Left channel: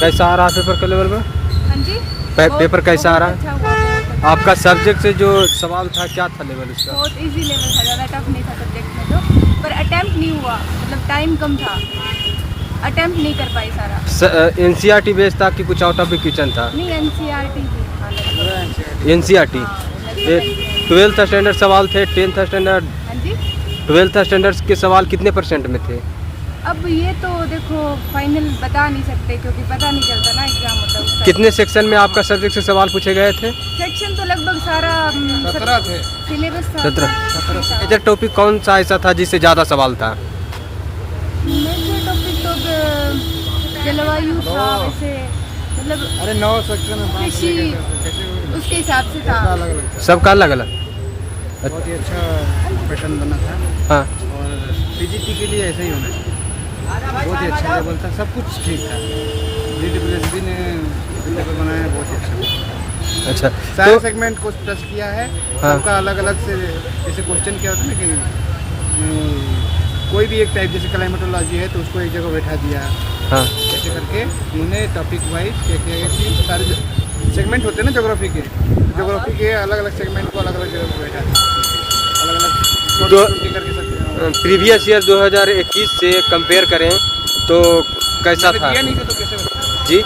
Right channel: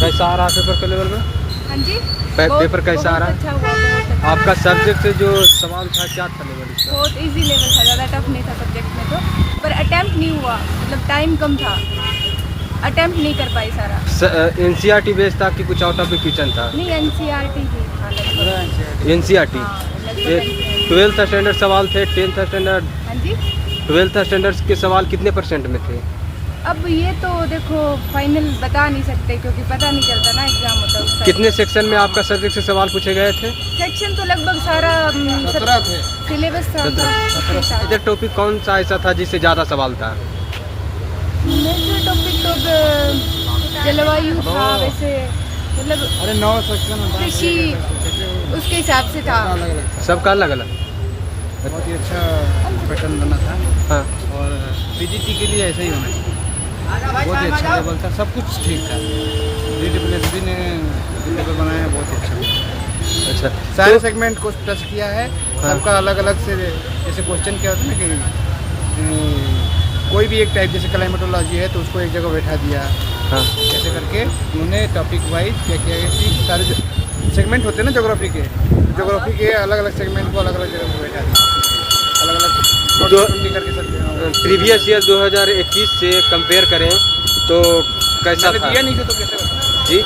कैसा आ रहा है पेपर के लेवल में? हाँ जी, पेपर कैसा आ रहा है? अच्छा हुआ, बहुत अच्छा। आपका सब्जेक्ट से जो सवाल था क्या था लेवल इसका? बहुत इजी लेवल था, ज़्यादा टफ नहीं था सब्जेक्ट में तो, पर अटेम्प्ट नहीं हुआ, मतलब टाइम कम था, अटेम्प्ट नहीं कर पाई सारा। एनसीईआरटी बेस्ड था कि कुछ आउट ऑफ द क्वेश्चन था? नहीं, एनसीईआरटी ही था लगभग। एनसीईआरटी। हाँ, लगभग ये NCERT। 12th स्टैंडर्ड सवाल थे, 10th स्टैंडर्ड, हाँ जी, 12th स्टैंडर्ड के सवाल कितने % में थे? अब ये तो देखो फाइनल बता नहीं सकते क्योंकि पता नहीं चलता ना, एग्जाम होता है उस टाइम। कितने सेक्शन में आपका सब्जेक्ट से सवाल पूछे गए थे? सेक्शन तो लगभग सारा सिलेबस था। 17। इधर टॉपिक कौन सा ऐसा था जिससे ज़्यादा सवाल था? मेजर टॉपिक तो जलवायु था, वैसे मतलब कृषि उसके हिसाब से था। सबका अलग अलग। बहुत ही अच्छा पैटर्न बना था हाँ, और पीजीटी के लिए ऐसा ही होना चाहिए। बहुत ही अच्छा लेवल था, सब कुछ ठीक था। DSSB ने जो पेपर बनाया है बहुत ही अच्छा। अच्छा। सारे तो सेगमेंट को टच किया है, हाँ। सबका अलग अलग से। जैसे क्वेश्चन क्या होता है ना कि कोई भी एक टाइप, जैसे क्लाइमेटोलॉजी है तो उसको एक जगह बैठा दिया, हाँ, ऐसे करके उन्होंने टॉपिक वाइज क्या किया कि सारे सेगमेंट होते हैं ना ज्योग्राफी के अलग अलग सेगमेंट को अलग अलग जगह पे बैठा दिया, अलग अलग करके सकते। प्रीवियस ईयर 2021 से कंपेयर करें तो कैसा था? दिया नहीं था तो कैसे बता? जी,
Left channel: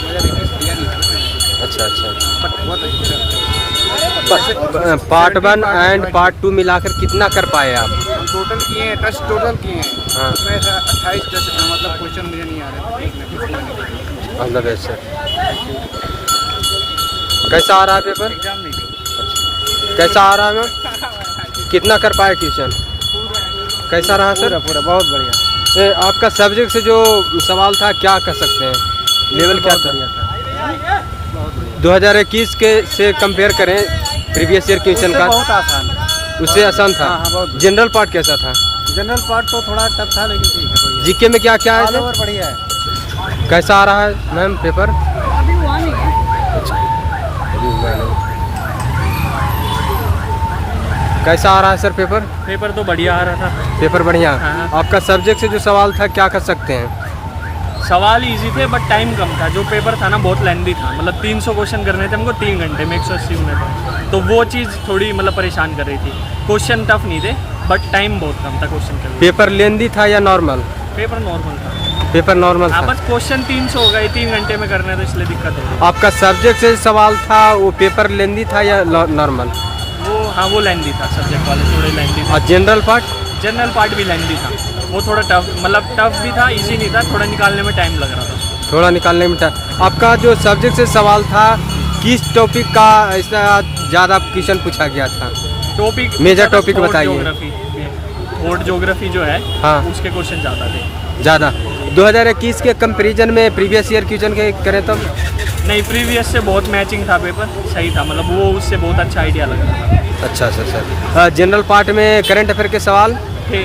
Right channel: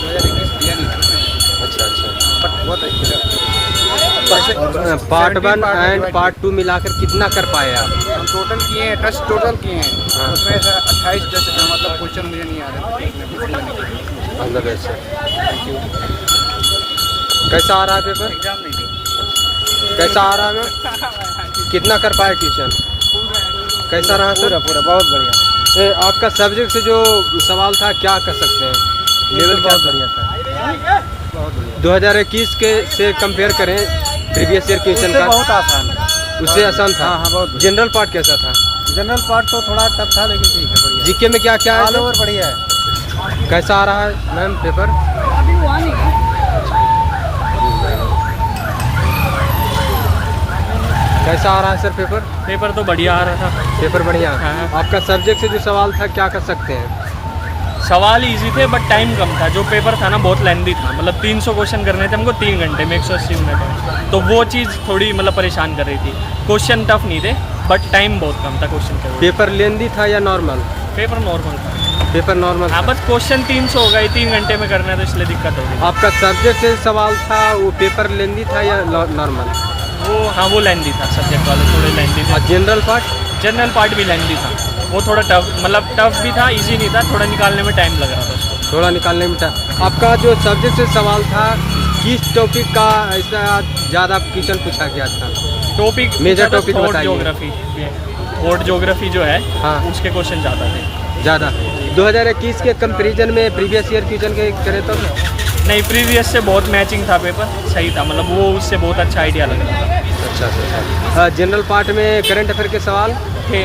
2021 दिया नहीं था ना मैंने। अच्छा अच्छा। बट बहुत अच्छा। पार्ट 1 एंड पार्ट 2 मिलाकर कितना कर पाए आप? हम टोटल किए हैं, टच टोटल किए हैं, हाँ। उसमें 28 मतलब क्वेश्चन मुझे नहीं आ रहे थे। अलग ऐसे। कैसा आ रहा है पेपर? एग्जाम नहीं कैसा आ रहा है? कितना कर पाए क्वेश्चन? कैसा रहा सर? पूरा बहुत बढ़िया। आपका सब्जेक्ट से जो सवाल था क्या कर सकते हैं? लेवल बहुत क्या बढ़िया था, बहुत बढ़िया। 2021 के से कंपेयर करें प्रीवियस ईयर क्वेश्चन उससे का, बहुत आसान, उससे आसान था। हाँ, बहुत बढ़िया। जनरल पार्ट कैसा था? जनरल पार्ट तो थोड़ा टफ था लेकिन ठीक है, बढ़िया। जीके में क्या क्या ऑल है? ओवर बढ़िया है। कैसा आ रहा है मैम पेपर? अभी हुआ नहीं है। कैसा आ रहा है सर पेपर? पेपर तो बढ़िया आ रहा था। पेपर बढ़िया। हाँ। आपका सब्जेक्ट से जो सवाल था क्या कर सकते हैं? सवाल इजी थे बट टाइम कम था। जो पेपर था ना बहुत लेंदी था, मतलब 300 क्वेश्चन करने थे हमको 3 घंटे में, 180 मिनट में। तो वो चीज़ थोड़ी मतलब परेशान कर रही थी। क्वेश्चन टफ नहीं थे बट टाइम बहुत कम था क्वेश्चन के। पेपर लेंदी था या नॉर्मल? पेपर नॉर्मल था। पेपर नॉर्मल हाँ, था। बस क्वेश्चन 300 हो गए, 3 घंटे में करने, तो इसलिए दिक्कत हो रही आपका सब्जेक्ट से सवाल था वो पेपर लेंदी था या नॉर्मल? वो। हाँ, वो लेंदी था, सब्जेक्ट वाले थोड़े लेंदी थे। और जनरल पार्ट? जनरल पार्ट भी लेंदी था, वो थोड़ा टफ, मतलब टफ भी था, इजी नहीं था, थोड़ा निकालने में टाइम लग रहा था उसको। थोड़ा निकालने में था। आपका जो सब्जेक्ट से सवाल था किस टॉपिक का ऐसा ज़्यादा क्वेश्चन पूछा गया था? टॉपिक मेजर टॉपिक बताइए। ज्योग्राफी, थॉट ज्योग्राफी जो है, हाँ। उसके क्वेश्चन ज़्यादा थे। ज़्यादा 2021 के कंपैरिजन में प्रीवियस ईयर क्वेश्चन के करें तो? नहीं, प्रीवियस से बहुत मैचिंग था, पेपर सही था, मतलब वो उससे बहुत अच्छा आइडिया लग रहा था। अच्छा अच्छा। जनरल पार्ट में करंट अफेयर के सवाल थे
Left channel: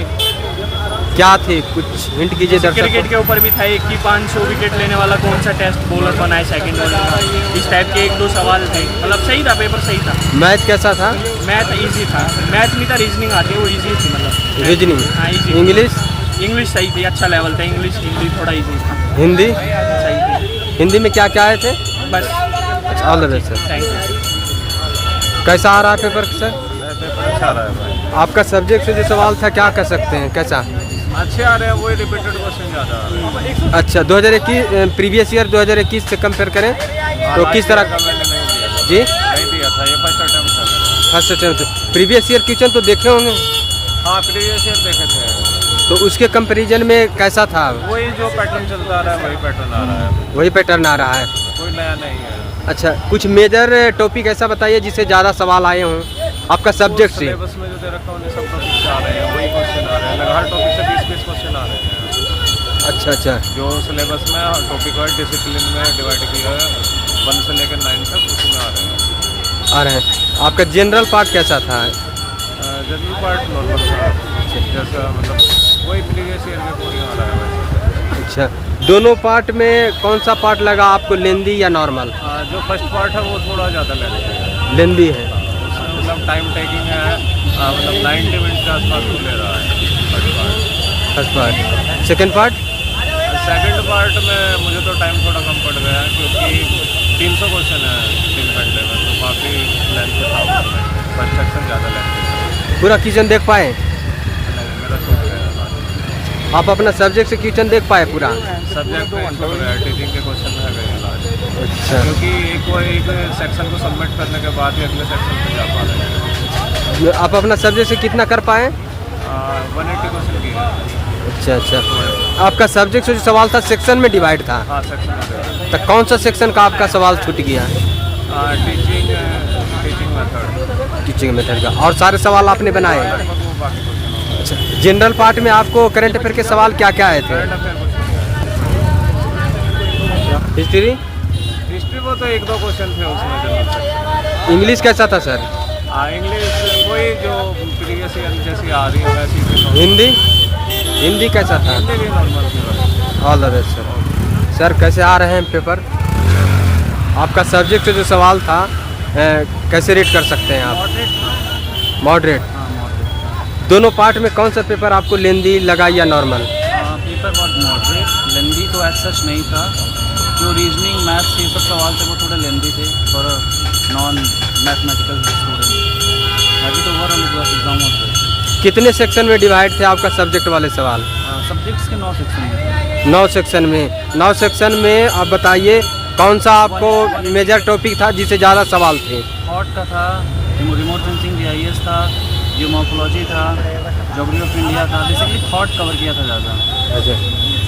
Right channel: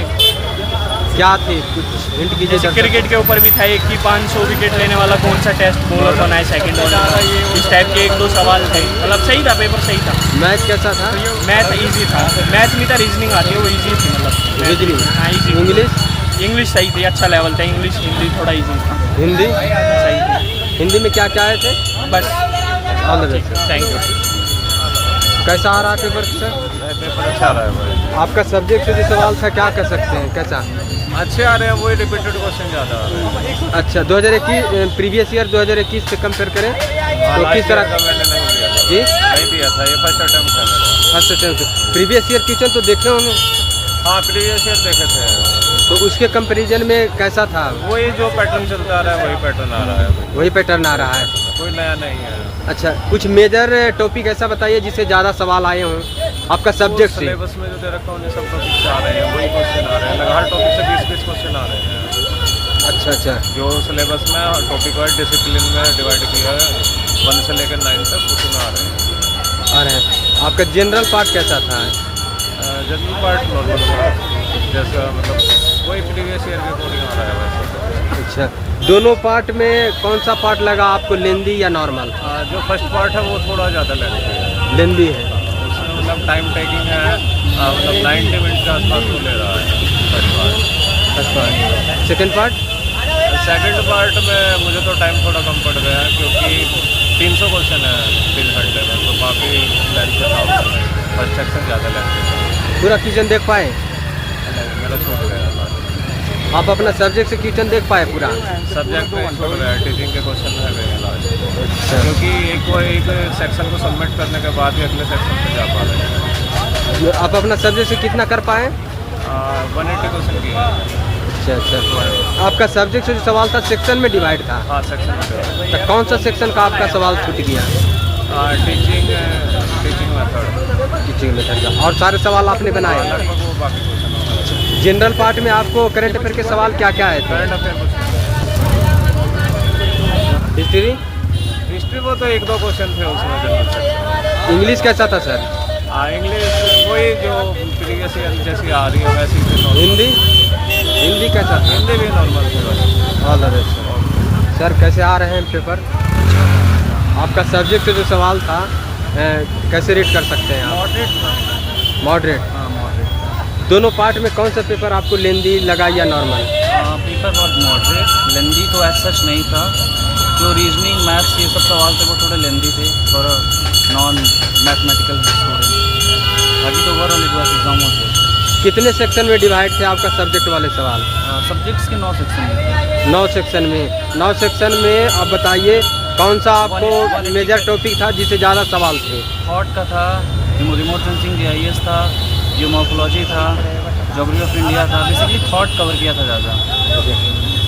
क्या थे? कुछ हिंट कीजिए। जैसे क्रिकेट के ऊपर भी था एक कि 500 विकेट लेने वाला कौन सा टेस्ट बॉलर बना है सेकंड ओवर का, इस टाइप के 1-2 सवाल थे। मतलब सही था, पेपर सही था। मैथ कैसा था? मैथ इजी था, मैथ नहीं था, रीजनिंग आती है, वो इजी थी, मतलब रीजनिंग। हाँ इजी। इंग्लिश सही थी, अच्छा लेवल था। इंग्लिश हिंदी थोड़ा इजी था। हिंदी सही थी। हिंदी में क्या क्या आए थे? बस all the best. Thank you. कैसा आ रहा है पेपर सर? पेपर अच्छा रहा है भाई, आपका सब्जेक्ट से जो सवाल था क्या कर सकते हैं? कैसा? अच्छे आ रहे हैं, वही रिपीटेड क्वेश्चन ज़्यादा आ रहे हैं। अच्छा, 2021 प्रीवियस ईयर 2021 से कंपेयर करें तो किस तरह? मैंने नहीं दिया था। जी, नहीं दिया था, ये फर्स्ट अटेम्प्ट था मेरा। First attempt. Previous year question तो देखे होंगे, हाँ, प्रीवियस ईयर देखे थे, तो उसके कंपैरिजन में कैसा था? वही जो पैटर्न चलता आ रहा है वही पैटर्न आ रहा है, वही पैटर्न आ रहा है। कोई नया नहीं है। अच्छा, कुछ मेजर टॉपिक ऐसा बताइए जिससे ज़्यादा सवाल आए हों आपका सब्जेक्ट से? सिलेबस में जो दे रखा है उन्हें सब टॉपिक से आ रहे हैं, वही क्वेश्चन आ रहे हैं, हर टॉपिक से 20-20 क्वेश्चन आ रहे हैं। अच्छा अच्छा। जो सिलेबस में टॉपिक वाइज डिसिप्लिन में डिवाइड किया है 1 से लेकर 9 तक, उसमें आ रहे हैं। आ रहे हैं। आपका जनरल पार्ट कैसा था? जनरल पार्ट नॉर्मल था, जैसा मतलब वही प्रीवियस ईयर के अकॉर्डिंग आ रहा है वैसे। अच्छा, दोनों पार्ट में कौन सा पार्ट लगा आपको, लेंदी या नॉर्मल? जो फर्स्ट पार्ट है वो थोड़ा ज़्यादा लेंथी है, लेंदी है। उसमें मतलब टाइम टेकिंग है, मतलब 90 मिनट के आसपास वो ले रहा है first part. First part. Second part? Second part में मुझे तो टाइम थोड़ा कम पड़ गया क्योंकि 300 क्वेश्चन है 3 घंटे में, तो काफ़ी लेंथ था उसमें। फर्स्ट सेक्शन ज़्यादा लेंथ था। पूरा क्वेश्चन देख पाए? नहीं, मेरा छूट गया था। आप अपना सब्जेक्ट से क्वेश्चन देख पाए पूरा? सब्जेक्ट में छूट गया, टीचिंग के क्वेश्चन रह गए लास्ट, क्योंकि एक सेक्शन को सबमिट करने के बाद ही अगले सेक्शन पे जा पा रहे हैं। आप अपना सब्जेक्ट से कितना कर पाए? 180 क्वेश्चन किए हैं। अच्छा अच्छा। आपका सब्जेक्ट से जो सवाल था सेक्शन में डिवाइड था? हाँ, सेक्शन में। तो कौन सा सेक्शन का आपका सवाल छूट गया? Teaching method. टीचिंग मेथड का। और सारे सवाल आपने बनाए? लगभग वो बाकी क्वेश्चन हो गए। जनरल पार्ट में आपको करंट अफेयर के सवाल क्या क्या आए थे? करंट अफेयर कुछ हिस्ट्री? हिस्ट्री वो तो 1-2 क्वेश्चन थे उसमें जनरल सेक्शन। इंग्लिश कैसा था सर? इंग्लिश वही जो प्रीवियस ईयर जैसी आ रही है वैसी थी। हिंदी? हिंदी कैसा था? हिंदी भी नॉर्मल थी। All the best sir. कैसे आ रहे हैं पेपर? आपका सब्जेक्ट से जो सवाल था कैसे रेट कर सकते हैं आप? मॉडरेट था। मॉडरेट? हाँ, मॉडरेट था। दोनों पार्ट में कौन सा पेपर आपको लेंदी लगा या नॉर्मल? पेपर बहुत मॉडरेट, लेंदी तो एज सच नहीं था। जो रीजनिंग मैथ्स ये सब सवाल थे वो थोड़े लेंदी थे फॉर नॉन मैथमेटिकल स्टूडेंट। बाकी तो overall it was exam was good. कितने सेक्शन में डिवाइड थे आपका सब्जेक्ट वाले सवाल? सब्जेक्ट्स के 9 सेक्शन में। 9 सेक्शन में। 9 सेक्शन में आप बताइए कौन सा आपको मेजर टॉपिक था जिससे ज़्यादा सवाल थे? थॉट का था, रिमोट सेंसिंग GIS था, जियोमॉर्फोलॉजी था, ज्योग्राफी ऑफ इंडिया था। बेसिकली थॉट कवर किया था ज़्यादा।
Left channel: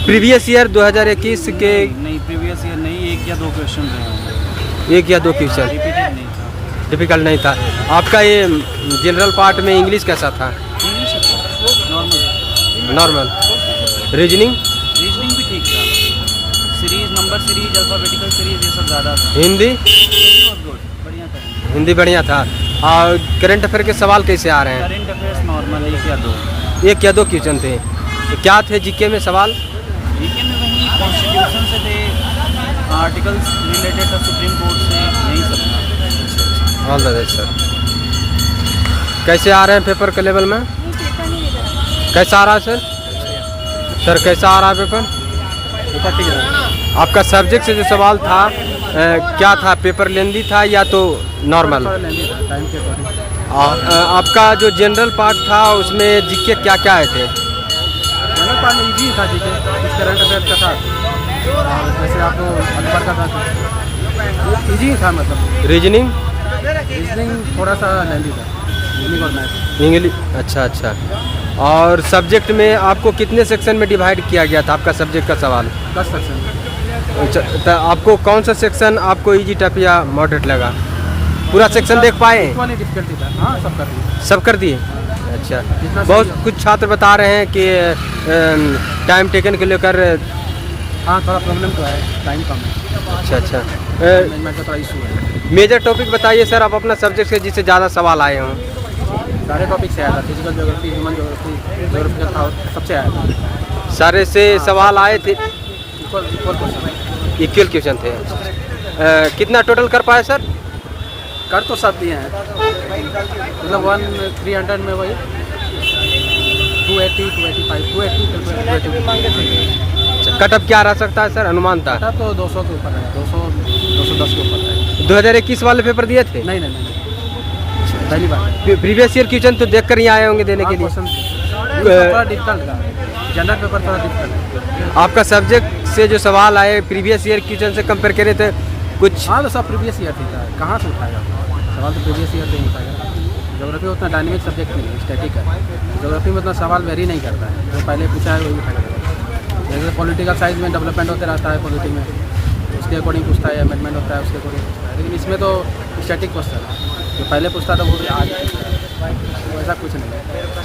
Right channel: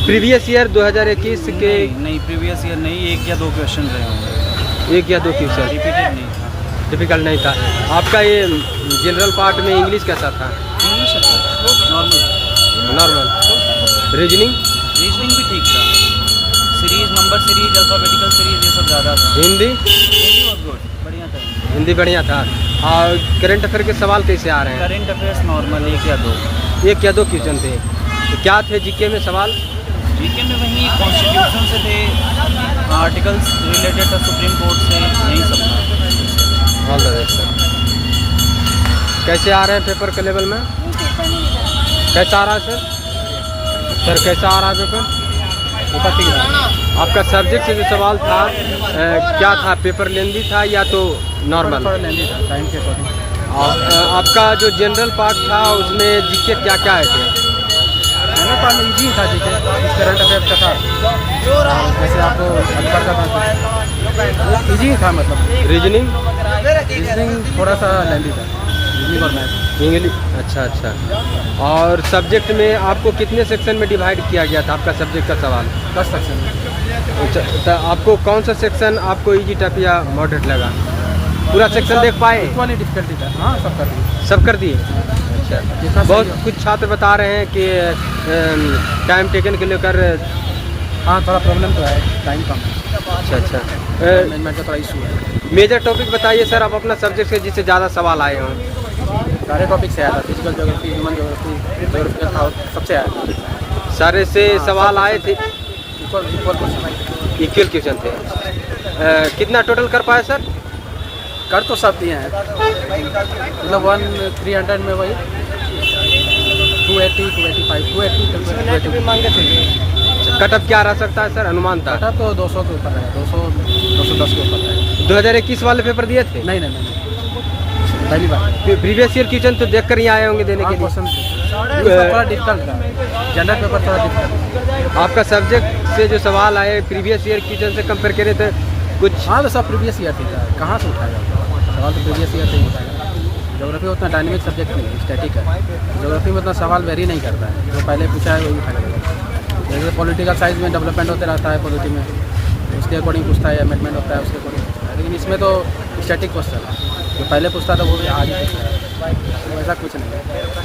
प्रीवियस ईयर 2021 के? नहीं, प्रीवियस ईयर नहीं, 1 या 2 क्वेश्चन रहे होंगे। 1 या 2 क्वेश्चन? रिपीटेड नहीं था। डिफिकल्ट नहीं था। आपका ये जनरल पार्ट में इंग्लिश कैसा था? इंग्लिश अच्छा, नॉर्मल। रीजनिंग? रीजनिंग भी ठीक था। Series, number series, alphabetical series ये सब ज़्यादा था। हिंदी? हिंदी वाज गुड, बढ़िया था। हिंदी बढ़िया था। और करंट अफेयर के सवाल कैसे आ रहे हैं? करंट अफेयर्स नॉर्मल 1 या 2। 1 या 2 क्वेश्चन थे। तो क्या थे जीके में सवाल? जीके में वही कॉन्स्टिट्यूशन से थे, आर्टिकल्स रिलेटेड था सुप्रीम कोर्ट से, यही सब था। All the best sir. कैसे आ रहे हैं पेपर के लेवल में? कैसा आ रहा है सर? सर कैसा आ रहा है पेपर? पेपर ठीक रहा। आपका सब्जेक्ट से जो सवाल था क्या था? पेपर लेंदी था या तो नॉर्मल? लेंदी था, टाइम के अकॉर्डिंग। आपका जो जनरल पार्ट था उसमें जीके क्या क्या आए थे? जनरल पार्ट में ईजी था जीके, कुछ करंट अफेयर का था, और जैसे आपको अकबर का था तो ईजी था। मतलब रीजनिंग? रीजनिंग थोड़ा सा लेंदी था, रीजनिंग और मैथ। इंग्लिश? अच्छा अच्छा। और सब्जेक्ट में आपको कितने सेक्शन में डिवाइड किया गया था आपका सब्जेक्ट का सवाल? 10 सेक्शन में। अच्छा, तो आपको कौन सा सेक्शन आपको इजी टफ या मॉडरेट लगा? पूरा सेक्शन देख पाए? इक्वली डिफिकल्टी था। हाँ, सब कर दिए। सब कर दिए? हाँ। अच्छा। जितना सही बहुत हो। कुछ छात्र बता रहे हैं कि टाइम टेकन के लेकर। हाँ, थोड़ा प्रॉब्लम तो है, टाइम कम है। अच्छा अच्छा। मैनेजमेंट का थोड़ा इशू है। मेजर टॉपिक बताइए सर आप अपना सब्जेक्ट से जिससे ज़्यादा सवाल आए हों। सारे टॉपिक से आया था, physical geography, human geography, geographical था, सबसे आया था। सारे से हाँ, सवाल आए थे? Equal question. इक्वल क्वेश्चन थे। कितना टोटल कर पाए सर? कर तो सब दिए हैं, मतलब 300 में वही 280, 285, 280 कट ऑफ क्या रह सकता है सर, अनुमान था? कटा तो 200 के ऊपर रहेगा, 210 के ऊपर रहेगा। 2021 वाले पेपर दिए थे? नहीं, पहली बार। प्रीवियस ईयर क्वेश्चन तो देख कर ही आए होंगे देने के लिए? क्वेश्चन थोड़ा डिफिकल्ट था, जनरल पेपर थोड़ा डिफिकल्ट। आपका सब्जेक्ट से जो सवाल आए प्रीवियस ईयर क्वेश्चन से कंपेयर करें तो कुछ? हाँ, तो सब प्रीवियस ईयर थी, कहाँ से उठाएगा सवाल? तो प्रीवियस ईयर से ही उठाएगा ना। ज्योग्राफी उतना डायनेमिक सब्जेक्ट नहीं है, स्टैटिक है। ज्योग्राफी में उतना सवाल वेरी नहीं करता है, जो पहले पूछा है वही उठा करेगा। जैसे पॉलिटिकल साइंस में डेवलपमेंट होते रहता है, पॉलिटी में उसके अकॉर्डिंग पूछता है, अमेंडमेंट होता है उसके अकॉर्डिंग पूछता है। लेकिन इसमें तो स्टैटिक क्वेश्चन है, जो पहले पूछता था वो भी आज ही पूछ रहा है, तो ऐसा कुछ नहीं है।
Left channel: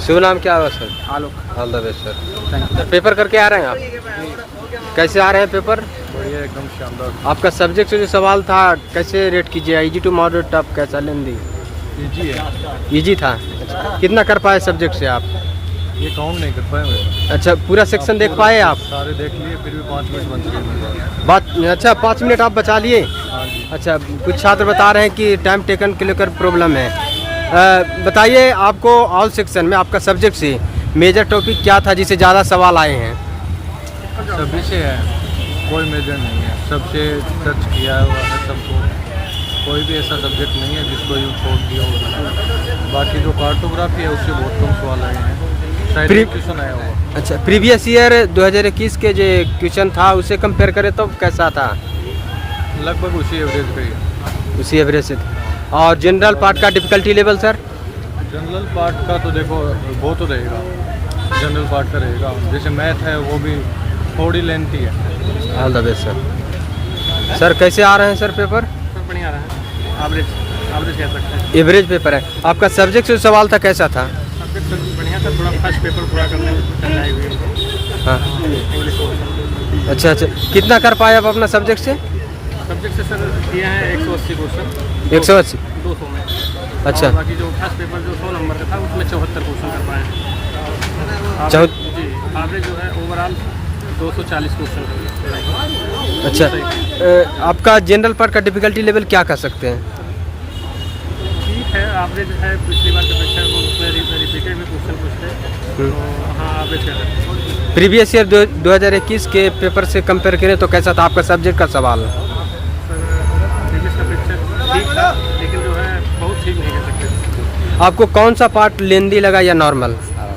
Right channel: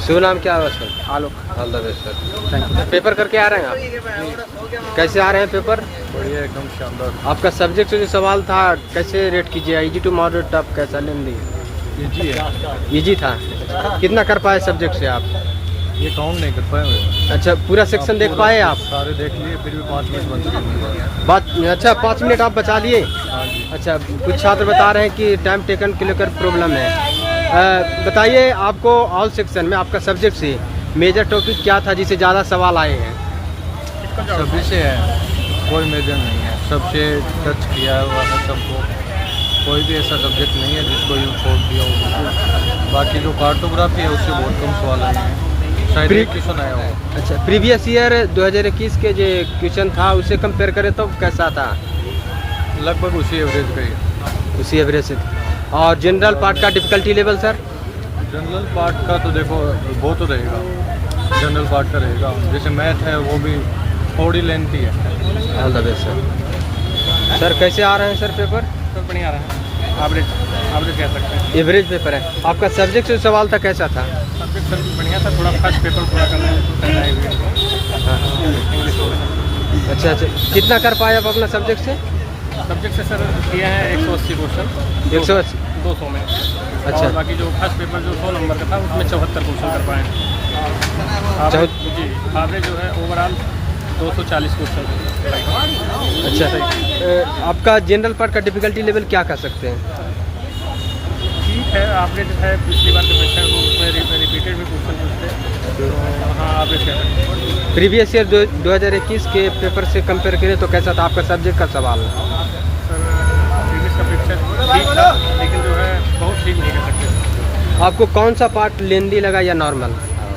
शुभ नाम क्या है sir? Alok. All the best sir. Thank you. Paper करके आ रहे हैं आप? कैसे आ रहे हैं पेपर? बढ़िया, एकदम शानदार। आपका सब्जेक्ट से जो सवाल था कैसे रेट कीजिए? इजी टू मॉडरेट टफ कैसा लेंदी? ईजी है। इजी था। कितना कर पाए सब्जेक्ट से आप? ये काउंट नहीं कर पाए हुए। अच्छा, पूरा सेक्शन देख पाए आप? सारे देख लिए, फिर भी 5 मिनट बच गए मेरे पास। बात अच्छा, 5 मिनट आप बचा लिए? हाँ जी। अच्छा, कुछ छात्र बता रहे हैं कि टाइम टेकन के लेकर प्रॉब्लम है। बताइए आपको ऑल सेक्शन में आपका सब्जेक्ट से मेजर टॉपिक क्या था जिससे ज़्यादा सवाल आए हैं? सभी से है, कोई मेजर नहीं है, सबसे टच किया हुआ है सबको। कोई भी ऐसा सब्जेक्ट नहीं है जिसको यूँ छोड़ दिया हो। बाकी जो कार्टोग्राफी है उससे बहुत कम सवाल आए हैं, शायद एक क्वेश्चन आया होगा। अच्छा, प्रीवियस ईयर 2021 के जो क्वेश्चन था उसे कंपेयर करें तो कैसा था? लगभग उसी एवरेज का ही है। उसी एवरेज से था। और जनरल पार्ट का difficulty level sir? General part का तो देखो वो तो रहेगा, जनरल पार्ट का रहेगा। जैसे मैथ है वो भी थोड़ी लेंथी है। All the best sir. Sir कैसे आ रहे हैं सर पेपर? सर बढ़िया रहा है, एवरेज कह सकते हैं। एवरेज पेपर है। आपका सब्जेक्ट जो सवाल था कैसा था? सब्जेक्ट सर बढ़िया था, थोड़ा फर्स्ट पेपर पूरा करना है हमको, हाँ। English portion. अच्छा अच्छा, कितना कर पाए आप अपना सब्जेक्ट से? सब्जेक्ट से सर किए हैं 180 क्वेश्चन। 180? 200 में। अच्छा। और बाकी जो फर्स्ट पेपर जो 100 नंबर का था उसमें 74 क्वेश्चन कर पाए हैं। जी, एवरेज जो है ओवरऑल 240 क्वेश्चन है लगभग। अच्छा, आपका जनरल पार्ट का डिफिकल्टी लेवल क्या कह सकते हैं? ठीक है, एवरेज है, पिछली बार की अपेक्षा वो उसमें रिपीटेड भी क्वेश्चन पूछते, तो हाँ एवरेज कह सकते हैं। प्रीवियस ईयर 2021 के पेपर से कंपेयर करें तो कैसा था आपका सब्जेक्ट का सवाल? सर प्रीवियस का अपेक्षा ठीक था, लेकिन जो है बहुत ठीक नहीं कह सकते। आपको कौन सा पार्ट लेंदी लगा या नॉर्मल?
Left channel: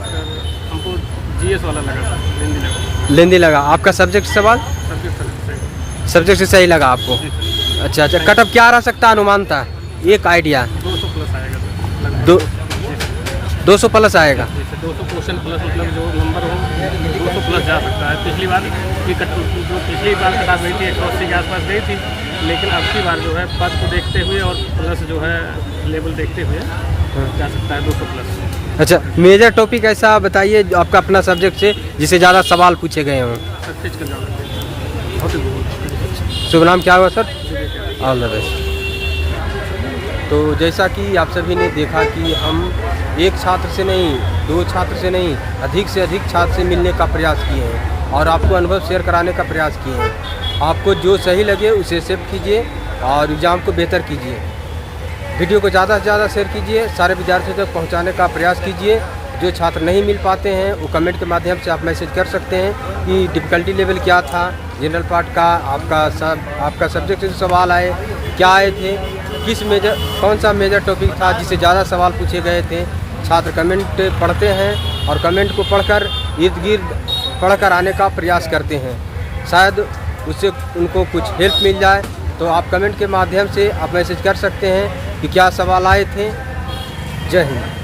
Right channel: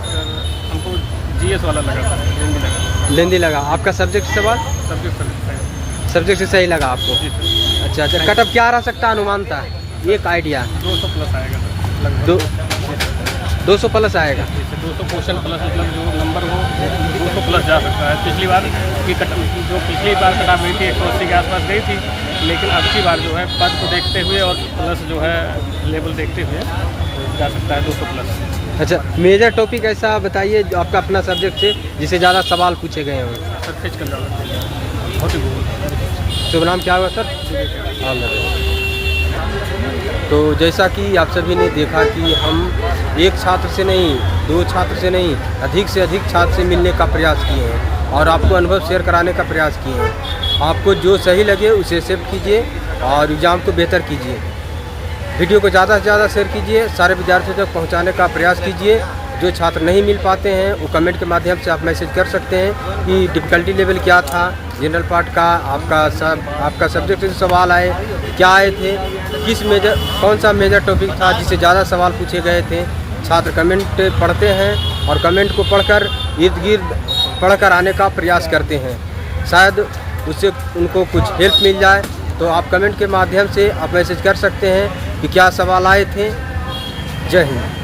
सर हमको जीएस वाला लगा था, हिंदी लगा। लेंदी लगा। आपका सब्जेक्ट सवाल? सब्जेक्ट सही। सब्जेक्ट से सही लगा आपको? जी सर। अच्छा अच्छा, कट ऑफ क्या आ सकता है अनुमान था? एक आइडिया। 200 प्लस आएगा सर लगभग। 200 प्लस आएगा? जी सर, 200 क्वेश्चन प्लस, मतलब जो नंबर हो 200 प्लस जा सकता है। पिछली बार की जो पिछली बार कट ऑफ हुई थी 180 के आसपास गई थी, लेकिन अब की बार जो है पद को देखते हुए और प्लस जो है लेवल देखते हुए जा सकता है 200 प्लस। अच्छा, मेजर टॉपिक ऐसा बताइए जो आपका अपना सब्जेक्ट से जिससे ज़्यादा सवाल पूछे गए हों। सर फिजिकल ज्योग्राफी बहुत ही भूगोल। शुभ नाम क्या हुआ सर? All the best. तो जैसा कि आप सभी ने देखा कि हम एक छात्र से नहीं, 2 छात्र से नहीं, अधिक से अधिक छात्र से मिलने का प्रयास किए हैं और आपको अनुभव शेयर कराने का प्रयास किए हैं। आपको जो सही लगे उसे एक्सेप्ट कीजिए और एग्ज़ाम को बेहतर कीजिए। वीडियो को ज़्यादा से ज़्यादा शेयर कीजिए, सारे विद्यार्थियों तक पहुंचाने का प्रयास कीजिए। जो छात्र नहीं मिल पाते हैं वो कमेंट के माध्यम से आप मैसेज कर सकते हैं कि डिफ़िकल्टी लेवल क्या था, जनरल पार्ट का आपका सब्जेक्ट से जो सवाल आए क्या आए थे, कौन सा मेजर टॉपिक था जिससे ज़्यादा सवाल पूछे गए थे। छात्र कमेंट पढ़ते हैं और कमेंट को पढ़कर इर्द गिर्द पढ़कर आने का प्रयास करते हैं। शायद उससे उनको कुछ हेल्प मिल जाए, तो आप कमेंट के माध्यम से आप मैसेज कर सकते हैं कि क्या सवाल आए थे। जय हिंद।